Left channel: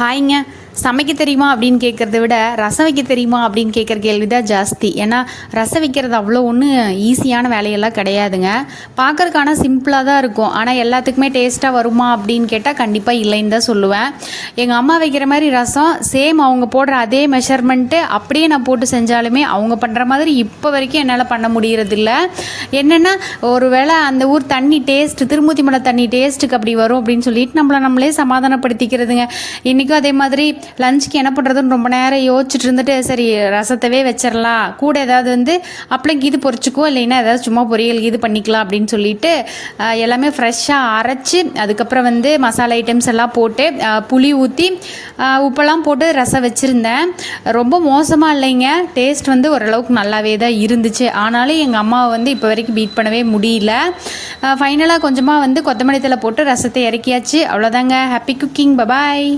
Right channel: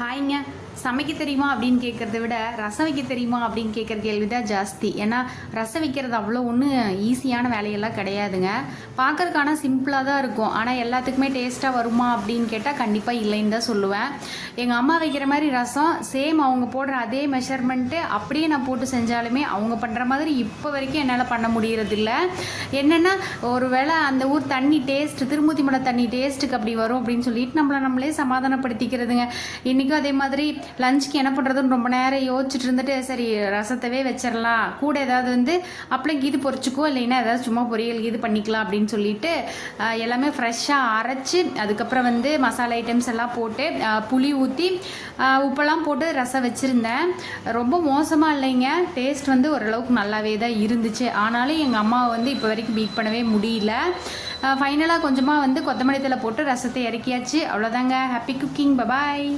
ஹாய்ங்க. சமைக்க தெரியுமா அப்படின்னு கேட்குறத விட ரசம் வைக்க தெரியுமா அப்படின்னு கேட்குற கேள்வி தான் ஜாஸ்தி. ஏன்னா ரசம் வைக்கிறது அவ்வளோ ஒன்றும் ஈஸியான வேலையெல்லாம் கிடையாதுங்க. பார்க்குறதுக்கான சிம்பிளாக தான் இருக்கும். ஆனால் எல்லாத்துக்குமே டேஸ்ட்டாக வருமா அப்படின்னு கேட்டால் கண்டிப்பாக இல்லைன்னு தான் சொல்லுவேன். எங்கள் அம்மா வைக்கிற மாதிரி ரசம் சேம் அவங்க போடுற அதே மெஷர்மெண்ட்டு அப்படியே நான் போட்டு செஞ்சாலுமே அவங்க பண்ணுற மாதிரி இப்போ வரைக்கும் என்னால் பண்ண முடியறதில்ல. என்னென்னா ஒரு வேளை அந்த ஊர் தண்ணி டேஸ்ட்டு திருமூர்த்தி மலை தண்ணி டேஸ்ட்டுக்கு அப்படி வரும் அப்படின்னு சொல்லிட்டு நம்மளே சமாதானப்படுத்திக்கிறதுங்க. இன்றைக்கும் அதே மாதிரி லஞ்சுக்கு என்ன பண்ணுறதுன்னு ரொம்ப நேரம் யோசிச்சுட்டு இருந்துட்டு சரி ரசத்தவே வச்சிடலாம், கூட ஏதாவது அப்பளம் இது பொரிச்சுக்கோ இல்லைன்னா ஏதாவது சும்மா பொரியல் இது பண்ணிக்கலாம் அப்படின்னு சொல்லிட்டு எல்லாமே ஃப்ரெஷ்ஷாக அரைச்சி அதுக்கப்புறம் மசாலா ஐட்டம்ஸ் எல்லாம் போட்டு புளி ஊற்றி உப்பெல்லாம் போட்டு ரசம் வச்சுருந்தேன். ரொம்ப மோசமாக இல்லைங்க, டேஸ்ட் ஓரளவுக்கு நல்லாவே தான் இருந்துச்சு. ஆனாலும் எங்கள் அம்மாவை இப்போ வரைக்கும் பீட் பண்ணவே முடியல. ஃபைனலாக கொஞ்சமாக கொத்தமல்லி தழை போட்டு ரசத்தை இறக்கியாச்சு. அவ்வளோதாங்க. Happy cooking. பபாய்.